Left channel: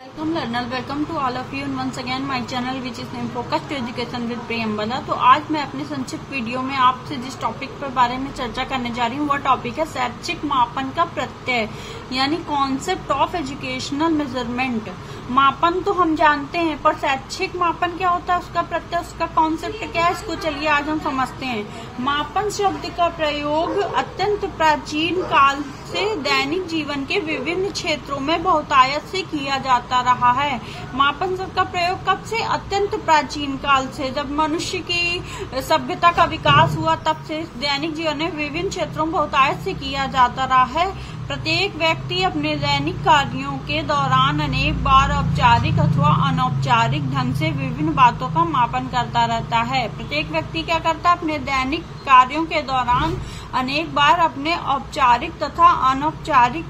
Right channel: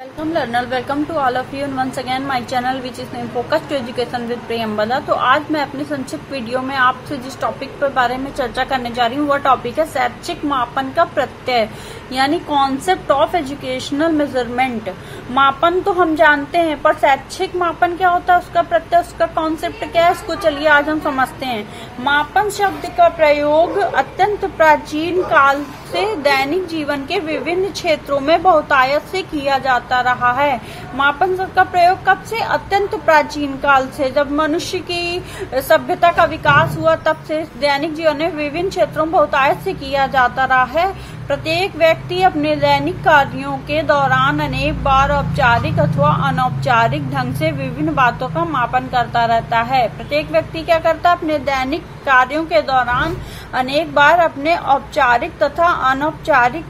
Welcome learner, welcome to all of you and once again my channel which is named Focus to Education with Priyambada. तो आज मैं अपनी संक्षिप्त video में आपसे जिस टॉपिक के बारे में चर्चा करने जा रही हूँ वह टॉपिक है शैक्षिक मापन का प्रत्यय यानी कॉन्सेप्ट ऑफ एजुकेशनल मेजरमेंट। मापन तो हम जानते हैं पर शैक्षिक मापन क्या होता है, उसका प्रत्यय, उसका कॉन्सेप्ट क्या है, उसको चलिए आज हम समझते हैं। मापन शब्द का प्रयोग अत्यंत प्राचीन काल से दैनिक जीवन के विभिन्न क्षेत्रों में बहुतायत से किया जाता रहा है। मापन शब्द का प्रयोग कब से? अत्यंत प्राचीन काल से, जब मनुष्य की सभ्यता का विकास हुआ तब से दैनिक जीवन में विभिन्न क्षेत्रों में बहुतायत से किया जाता रहा है। प्रत्येक व्यक्ति अपने दैनिक कार्यों के दौरान अनेक बार औपचारिक अथवा अनौपचारिक ढंग से विभिन्न बातों का मापन करता रहता है। प्रत्येक व्यक्ति क्या करता है? अपने दैनिक कार्यों के दौरान अनेक बार अपने औपचारिक तथा अनौपचारिक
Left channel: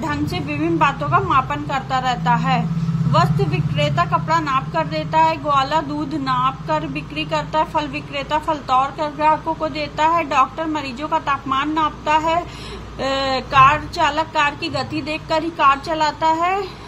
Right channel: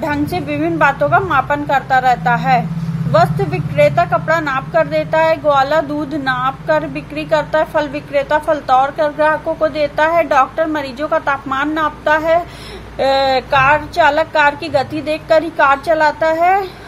ढंग से विभिन्न बातों का मापन करता रहता है। वस्त्र विक्रेता कपड़ा नाप कर देता है, ग्वाला दूध नाप कर बिक्री करता है, फल विक्रेता फल तौल कर ग्राहकों को देता है, डॉक्टर मरीजों का तापमान नापता है, कार चालक कार की गति देखकर ही कार चलाता है।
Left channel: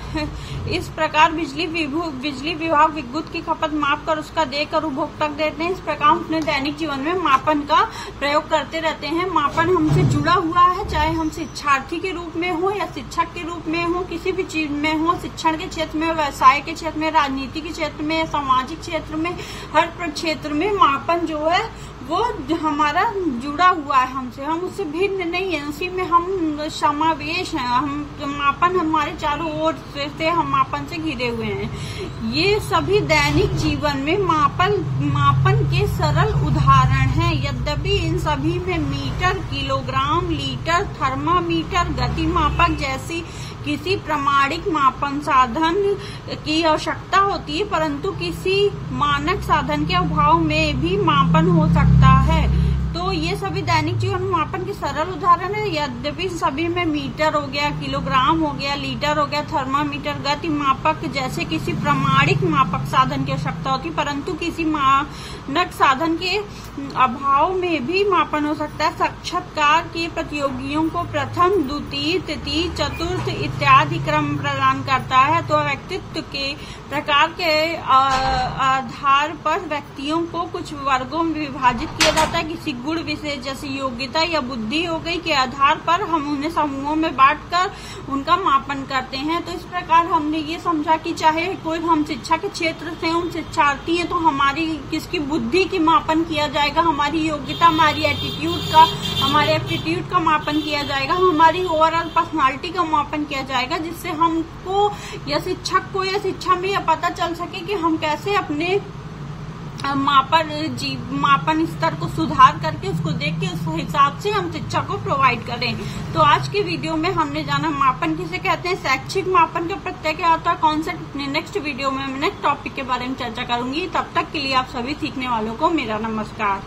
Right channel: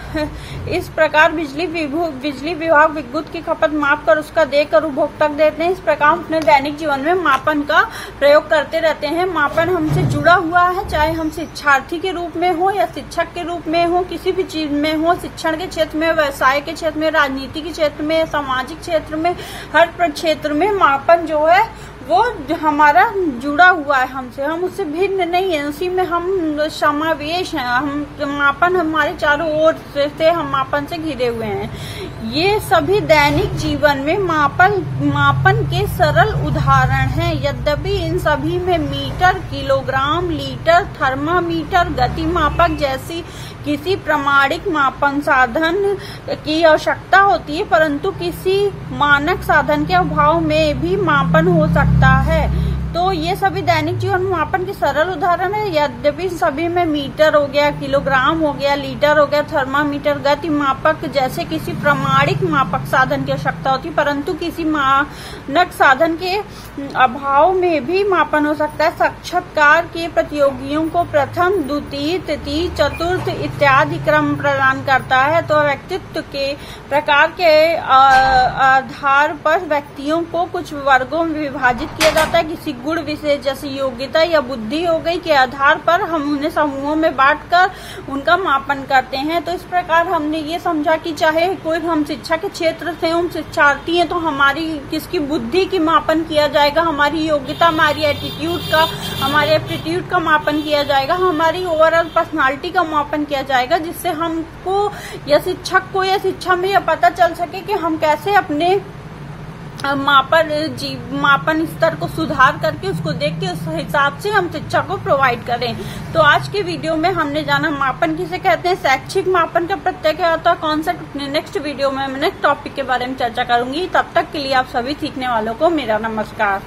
इस प्रकार बिजली विभाग विद्युत की खपत माप कर उसका देकर उपभोक्ता देते हैं। इस प्रकार अपने दैनिक जीवन में मापन का प्रयोग करते रहते हैं। मापन हमसे जुड़ा हुआ है, चाहे हम शिक्षार्थी के रूप में हो या शिक्षक के रूप में हो, किसी भी चीज में हो, शिक्षण के क्षेत्र में, व्यवसाय के क्षेत्र में, राजनीति के क्षेत्र में, सामाजिक क्षेत्र में, हर क्षेत्र में मापन जो है वो हमारा जुड़ा हुआ है हमसे, हम उससे भिन्न नहीं है, उसी में हम समावेश हैं। हम मापन हमारे चारों ओर से हम मापन से घिरे हुए हैं। ये सभी दैनिक जीवन में मापन के सरल उदाहरण हैं। यद्यपि इन सभी में मीटर, किलोग्राम, लीटर, थर्मामीटर, गति मापक जैसी किसी प्रमाणिक मापन साधन की आवश्यकता होती है, परंतु किसी मानक साधन के अभाव में भी मापन हो सकता है। तो ये सभी दैनिक जीवन में मापन के सरल उदाहरण है। यद्यपि सभी में मीटर हो गया, किलोग्राम हो गया, लीटर हो गया, थर्मामीटर, गति मापक जैसे किसी प्रमाणिक मापक साधन की आवश्यकता होती, परंतु किसी मानक साधन के अभाव में भी मापन हो सकता है। साक्षात्कार के प्रतियोगियों को प्रथम, द्वितीय, तृतीय, चतुर्थ इत्यादि क्रम प्रदान करता है। तो व्यक्तित्व के प्रकार के आधार पर व्यक्तियों को कुछ वर्गों में विभाजित किया जाता है। किसी गुण विशेष जैसे योग्यता या बुद्धि हो गई के आधार पर हम उन्हें समूहों में बांटकर उनका मापन करते हैं। तो इस प्रकार हमने ये समझा कि चाहे कोई हम शिक्षा के क्षेत्र से हम शिक्षार्थी हैं तो हमारी किसकी बुद्धि की मापन किया जाएगा, हमारी योग्यता, हमारी एटीट्यूड का, हमारे एप्टीट्यूड का मापन किया जाएगा, हमारी ओवरऑल पर्सनालिटी का मापन किया जाएगा, जिससे हमको या शिक्षक को या शिक्षा में यह पता चल सके कि हम कैसे अपने मापन स्तर को सुधार करके उसको देख के उस हिसाब से हम शिक्षा को प्रोवाइड करें। तो आज के वीडियो में हमने जाना मापन किसे कहते हैं, शैक्षिक मापन का प्रत्यय क्या होता है, कौन सा। नेक्स्ट वीडियो में मैं नेक्स्ट टॉपिक के बारे में चर्चा करूंगी। तब तक के लिए आप सभी सीखने वालों को मेरा नमस्कार।